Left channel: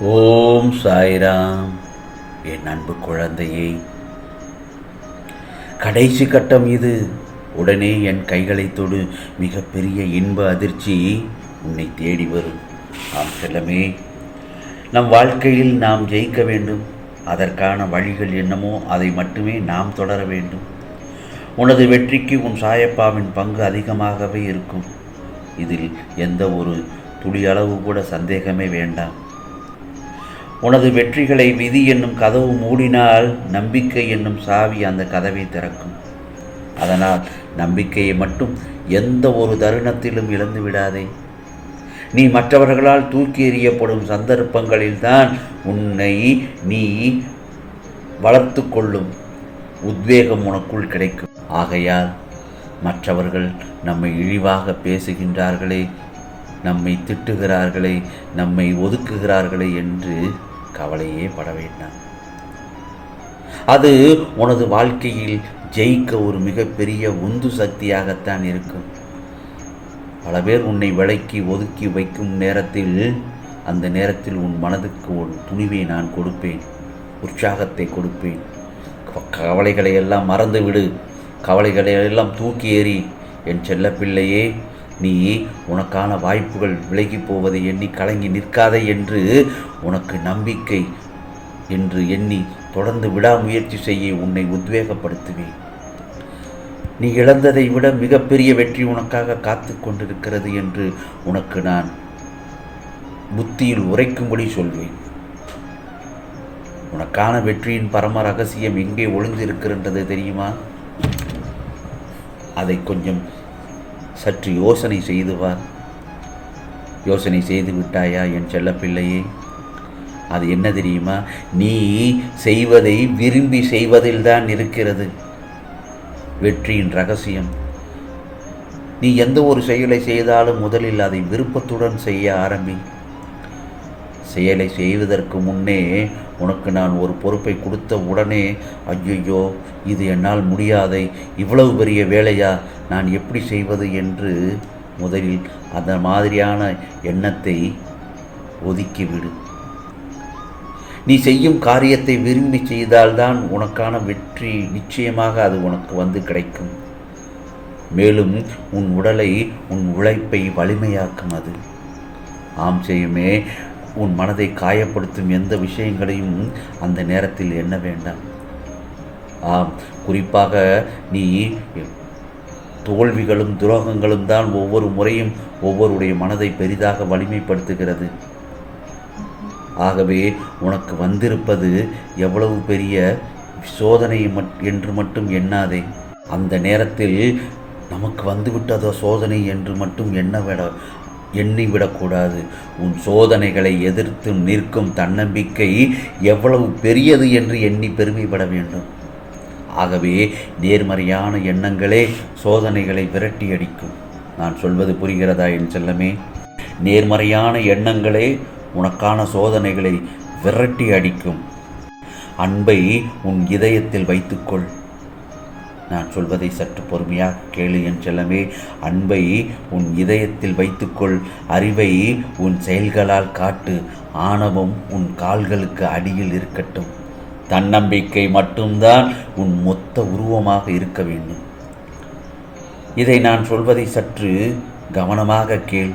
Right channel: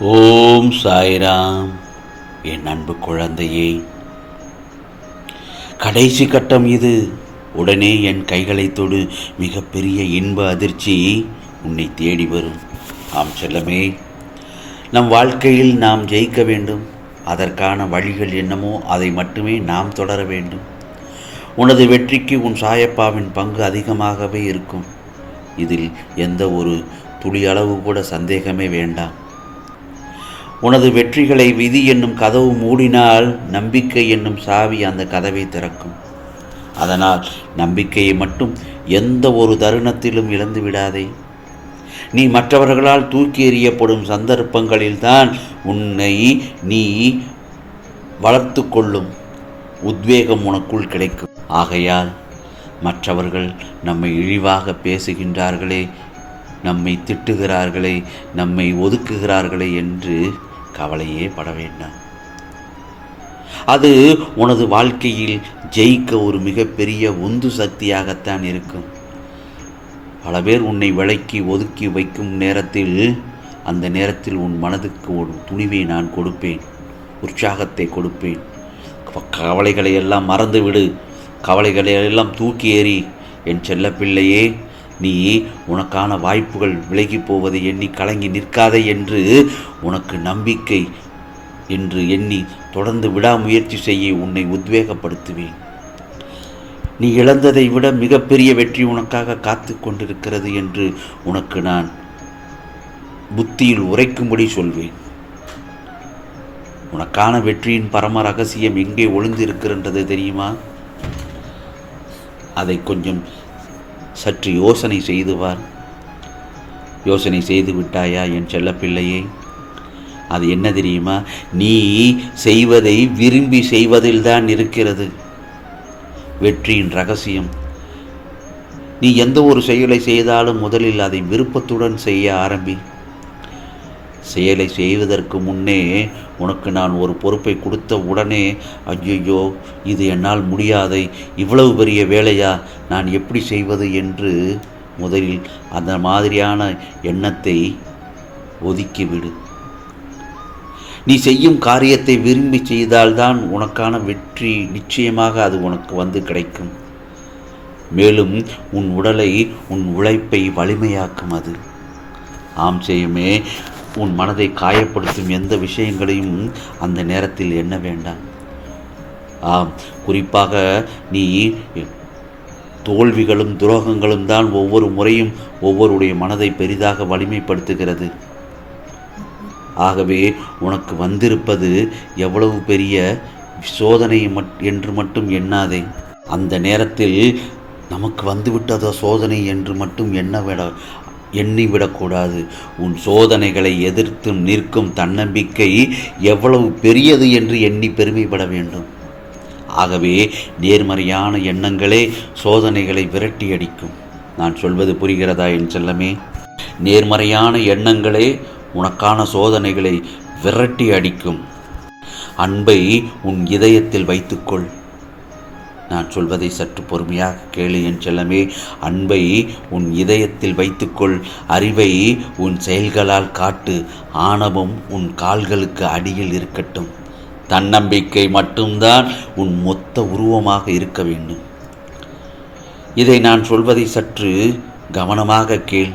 ஓம் சாய்ராம். என் அன்பு குழந்தையே கடைசி கட்டம் இது. உடனே என் கைகளை தொடு. மிகப்பெரிய இன்ப அதிர்ச்சி உன்னை தேடி வரும். ஆம் செல்லமே நம் வாழ்க்கையில் நாம் ஜெயிக்க வேண்டும். அதற்கான வழிகள் என்னமோ அதை மட்டுமே நாம் தொடர வேண்டும். உனது வெற்றிக்கு உன் சாயப்பாவின் பங்கு அதிகமாகவே இருக்கும். இதில் எந்த ஒரு துளியளவு கூட சந்தேகமே வேண்டாம். உனது வெற்றிகளை விதி என்னும் கதவு மூடினால் நம்பிக்கை என்னும் சாவி அந்த கதவை திறக்கும். அதனால் நம்பிக்கையை மட்டும் எந்த ஒரு தருணத்திலும் இழந்து விடாதே. நீ மற்றவர்களால் தூக்கி எறியப்படும் சந்தர்ப்பங்களில்தான் உன்னை நீ வளர்த்து கொள்ளும் உத்வேகம் உனக்குள் கிடைக்கும். ஆகையால் மற்றவர்கள் நம்மை இழிவாக பேசுகின்றார்களே நம்மை திட்டுகிறார்களே நம்மை ஒதுக்குகிறார்களே என்று கவலையே பட வேண்டாம். அது உனது வாழ்க்கையில் ஜெயிக்க ஒரு மிகப்பெரிய உந்து சக்தியாகத்தான் இருக்கும். பல பேர் உன்னை விளக்கி ஒதுக்கி வைக்கும் நேரத்தில் அந்த நேரத்தில் உன் மனதுக்கு ஒரு துணிவை நான் கொடுப்பேன். உற்சாகத்தை கொடுப்பேன். கவலைகளை எல்லாம் மறந்துவிடு. கவலைகளை எல்லாம் தூக்கி எறி என் செல்லப்பிள்ளையே நீ உனக்கான வாய்ப்புகள் விலகி போவதை எண்ணி கலங்கி நிற்காதே என்று உனக்கு நம்பிக்கை என்று எண்ணி தொடர்ந்து விடாமுயற்சி செய்ய உன்னை உத்வேகப்படுத்துவேன். நீ இழந்ததை விட மிகப்பெரிய வெற்றி உனக்காக காத்து கொண்டிருக்கிறது என்று உனக்கு நான் புத்தியில் உரைக்கும்படி சொல்வேன். உனக்கான வெற்றியின் பரம ரகசியம் எங்கே ஒளிந்திருக்கின்றது தெரியுமா? அதை கொஞ்சம் சற்று யோசனை செய்துவார். யோசனை செய்து விட்டாயா என் செல்லப்பிள்ளையே? அது என்ன தெரியுமா? நீ செய்வதை விரும்பி செய்வதில்தான் இருக்கிறது. வெற்றியின் ரகசியம். நீ எந்த ஒரு செயலை செய்தாலும் முதலில் அதை விருப்பத்துடன் செய்ய ஆரம்பி. செயலை செய்வதற்கு முன்னே உனக்கு நான் ஒரு பொறுப்பை கொடுத்த உடனே ஐயோ இது என்னால் முடியாதை இவ்வளவு பெரிய வேலையா? நான் எப்படி செய்வது? என்று முதலில் அந்த மாதிரியான எண்ணத்தை ஒதுக்கிவிடு நீ செய்யும் காரியத்தை விரும்பி செய்தால்தான் உனக்கான வெற்றி நிச்சயமாக அது உனக்கு வந்து கிடைக்கும். மேலும் உன் உடலை உன் உழைப்பை வலிமையாக்கும் அது. ஆம் செய்யுமே உன் மனதை காயப்படுத்தும் எந்த விஷயங்களையும் அந்த நேரத்தில் எண்ண வேண்டாம். ஆம் குறிப்பாக நீ தோல்விகளும் துரோகங்களும் தான் ஒவ்வொரு முறையும் ஒவ்வொருடைய மனதை பெரிதாக வலிமைப்படுத்துகிறது. ஆகவே உனக்கு வந்திருப்பது எவ்வளவு பெரிய சோதனை என்று மட்டும் எண்ணாதே. அந்த நேரத்தில் நமக்கு வந்துவிட்டதோ சோதனை என்று மட்டும் எண்ணவிட எண்ணிவிடக்கூடாது. உன் சோதனைகளை எதிர்த்து நிற்கும் தன்னம்பிக்கை எவ்வளவு பெரியது என்று எண்ணி பெருமைப்பட வேண்டும். ஆகவே நேர்மறையான எண்ணங்களே சோதனைகளை விரட்டி அடிக்கும் நான் சொல்வது புரிகிறதா என் செல்லமே? நேர்மறையான எண்ணங்களே உனக்கான சோதனைகளை விரட்டி அடிக்கும் அன்பை உன் இதயத்தில் வைத்துக்கொள். நான் சொல்வதை சற்று பொறுமையாக கேளு என் செல்லமே. அன்பை உன் இதயத்தில் வைத்துக்கொள். அறிவை உன் செயல்களால் காட்டு. ஆணவம் உன் கால்களுக்கு அடியில் இருக்கட்டும். தன்னம்பிக்கை மட்டும்தான் உன் மொத்த உருவமாக இருக்க வேண்டும். இதை நான் சொல்வதை சற்று கவனமாக கேள்.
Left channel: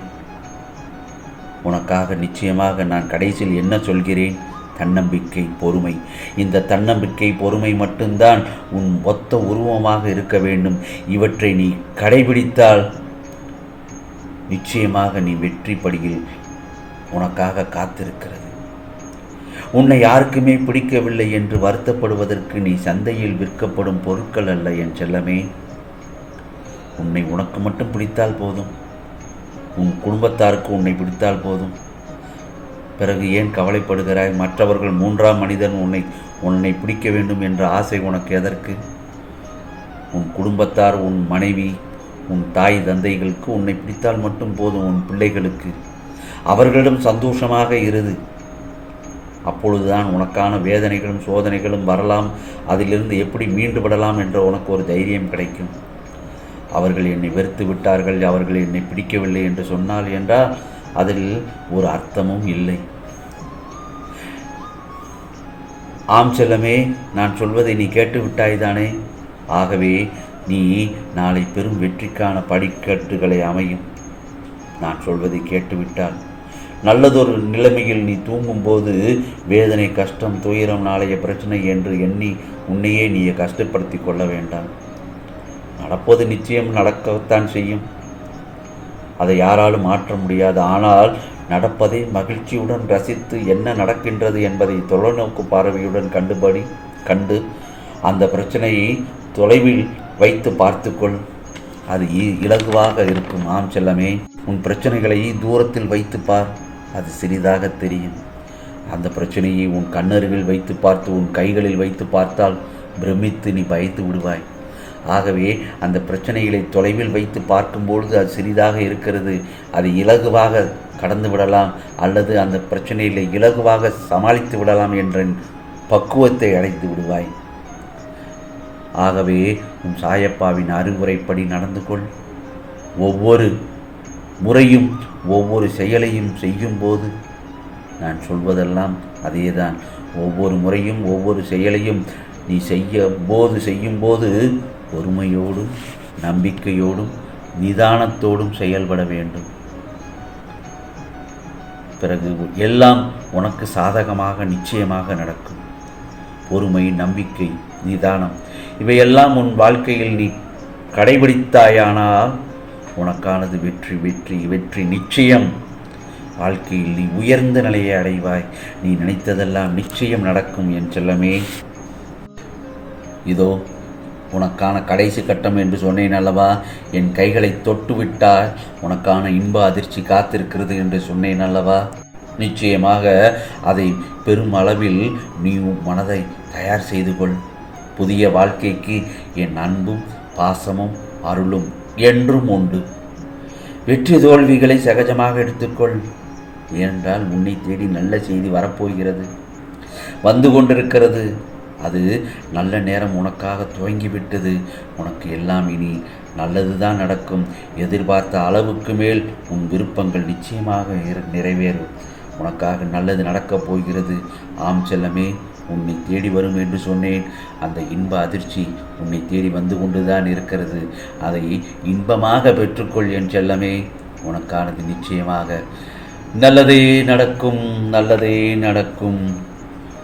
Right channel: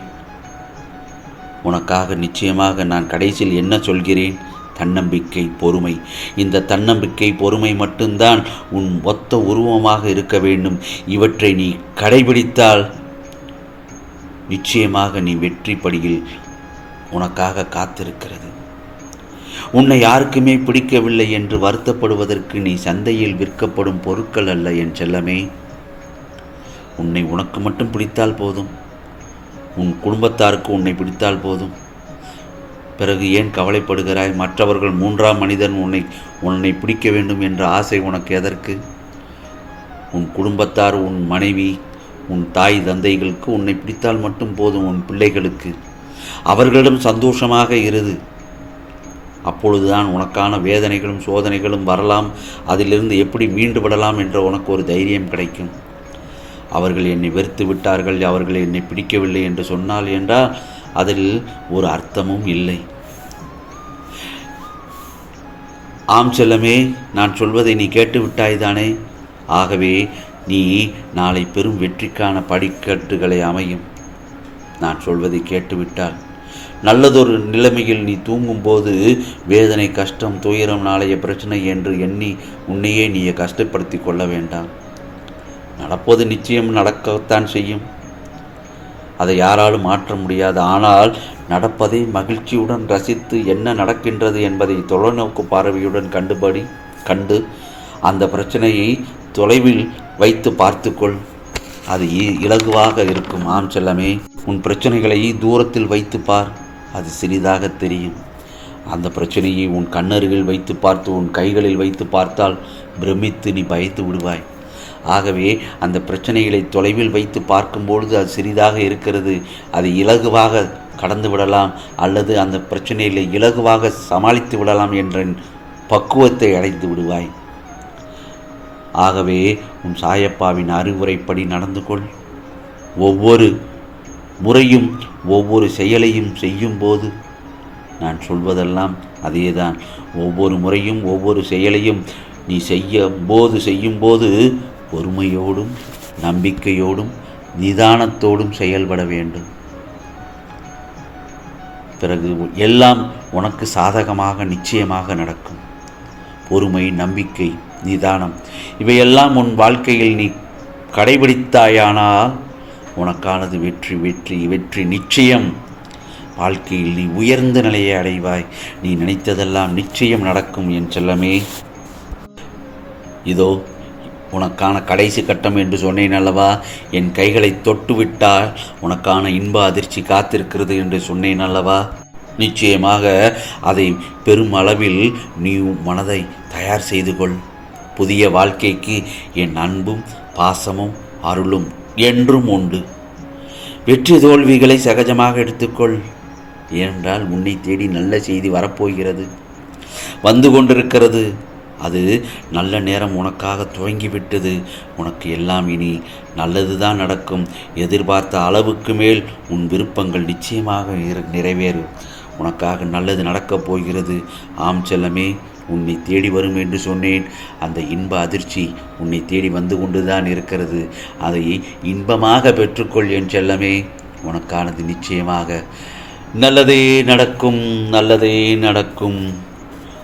உனக்காக நிச்சயமாக நான் கடைசியில் என்ன சொல்கிறேன்? தன்னம்பிக்கை பொறுமை. இந்த தன்னம்பிக்கை பொறுமை மட்டும்தான் உன் மொத்த உருவமாக இருக்க வேண்டும். இவற்றை நீ கடைபிடித்தால் நிச்சயமாக நீ வெற்றி படியில் உனக்காக காத்திருக்கிறது. உன்னை யாருக்குமே பிடிக்கவில்லை என்று வருத்தப்படுவதற்கு நீ சந்தையில் விற்கப்படும் பொருட்கள் அல்ல என் செல்லமே. உன்னை உனக்கு மட்டும் பிடித்தால் போதும். உன் குடும்பத்தாருக்கு உன்னை பிடித்தால் போதும். பிறகு ஏன் கவலைப்படுகிறாய்? மற்றவர்கள் மூன்றாம் மனிதன் உன்னை உன்னை பிடிக்க வேண்டும் என்ற ஆசை உனக்கு எதற்கு? உன் குடும்பத்தார் உன் மனைவி உன் தாய் தந்தைகளுக்கு உன்னை பிடித்தால் மட்டும் போதும் உன் பிள்ளைகளுக்கு. அவர்களிடம் சந்தோஷமாக இருது அப்பொழுதுதான் உனக்கான வேதனைகளும் சோதனைகளும் வரலாம். அதிலிருந்து எப்படி மீண்டு விடலாம் என்ற உனக்கு ஒரு தைரியம் கிடைக்கும். அவர்கள் என்னை வெறுத்து விட்டார்கள். அவர்கள் என்னை பிடிக்கவில்லை என்று சொன்னால் என்றால் அதில் ஒரு அர்த்தமும் இல்லை. ஆம் செல்லமே நான் சொல்வதை நீ கேட்டு விட்டாய்தானே? ஆகவே நீ நாளை பெரும் வெற்றிக்கான படிக்கட்டுகளை அமையும். நான் சொல்வதை கேட்டுவிட்டால் நல்லதொரு நிலைமையில் நீ தூங்கும்போது வேதனை கஷ்டம் துயரம் நாளைய பிரச்சனை என்று எண்ணி உன்னையே நீ கஷ்டப்படுத்தி கொள்ள வேண்டாம். நடப்பது நிச்சயம் நடக்கத்தான் செய்யும். அதை யாராலும் மாற்ற முடியாது. ஆனால் நடப்பதை மகிழ்ச்சியுடன் ரசித்து என்ன நடக்கின்றது என்பதை தொலைநோக்கு பார்வையுடன் கண்டுபடி கண்டு அந்த பிரச்சனையை தொலைவில் வைத்து பார்த்துக்கொள். அது இ- இலகுவாக இருக்கும். ஆம் செல்லமே உன் பிரச்சனைகளை தூரத்தில் வைத்து பார். அது சிறிதாக தெரியும். அந்த பிரச்சனையை உன் கண்ணருகில் வைத்து பார்த்து உன் கைகளில் வைத்து பார்த்தால் பிரமித்து நீ பயந்து விடுவாய். ஆகவே அந்த பிரச்சனைகளை தொலைவில் வைத்து பார்க்கும்பொழுது அது சிறிதாக இருக்கிறது. அதை இலகுவாக கடந்து விடலாம் அல்லது அந்த பிரச்சனைகளை இலகுவாக சமாளித்து விடலாம் என்ற பக்குவத்தை அடைந்து விடுவாய். ஆகவே உன் சாயப்பாவின் அறிவுரைப்படி நடந்து கொள். ஒவ்வொரு முறையும் ஒவ்வொரு செயலையும் செய்யும்போது நான் சொல்வதெல்லாம் அதேதான். ஒவ்வொரு முறையும் ஒவ்வொரு செயலையும் நீ செய்ய போது செய்யும்போது பொறுமையோடும் நம்பிக்கையோடும் நிதானத்தோடும் செயல்பட வேண்டும். பிறகு எல்லாம் உனக்கு சாதகமாக நிச்சயமாக நடக்கும். பொறுமை நம்பிக்கை நிதானம் இவையெல்லாம் உன் வாழ்க்கையில் நீ கடைபிடித்தாயானால் உனக்கானது வெற்றி வெற்றி வெற்றி நிச்சயம். வாழ்க்கையில் நீ உயர்ந்த நிலையை அடைவாய். நீ நினைத்ததெல்லாம் நிச்சயம் நடக்கும் என் செல்லமே. இதோ உனக்கான கடைசி கட்டம் என்று சொன்னேன் அல்லவா? என் கைகளை தொட்டு விட்டால் உனக்கான இன்ப அதிர்ச்சி காத்திருக்கிறது என்று சொன்னேன் அல்லவா? நிச்சயமாக அதை பெரும் அளவில் நீ மனதை தயார் செய்து கொள். புதிய வாழ்க்கைக்கு என் அன்பும் பாசமும் அருளும் என்றும் உண்டு. வெற்றி தோல்விகளை சகஜமாக எடுத்துக்கொள். ஏனென்றால் உன்னை தேடி நல்ல செய்தி வரப்போகிறது. வந்து கொண்டிருக்கிறது. அது நல்ல நேரம் உனக்காக துவங்கிவிட்டது. உனக்கு எல்லாம் இனி நல்லது தான் நடக்கும். எதிர்பார்த்த அளவுக்கு மேல் உன் விருப்பங்கள் நிச்சயமாக நிற- நிறைவேறும். உனக்காக நல்லது நடக்கப் போகிறது. ஆம் செல்லமே உன்னை தேடி வரும் என்று சொன்னேன். அந்த இன்ப அதிர்ச்சி உன்னை தேடி வந்து கொண்டுதான் இருக்கிறது. அதை இன்பமாக பெற்றுக்கொள் என் செல்லமே. உனக்கானது நிச்சயமாக. நல்லதே நடக்கும் நல்லதே நடக்கும்.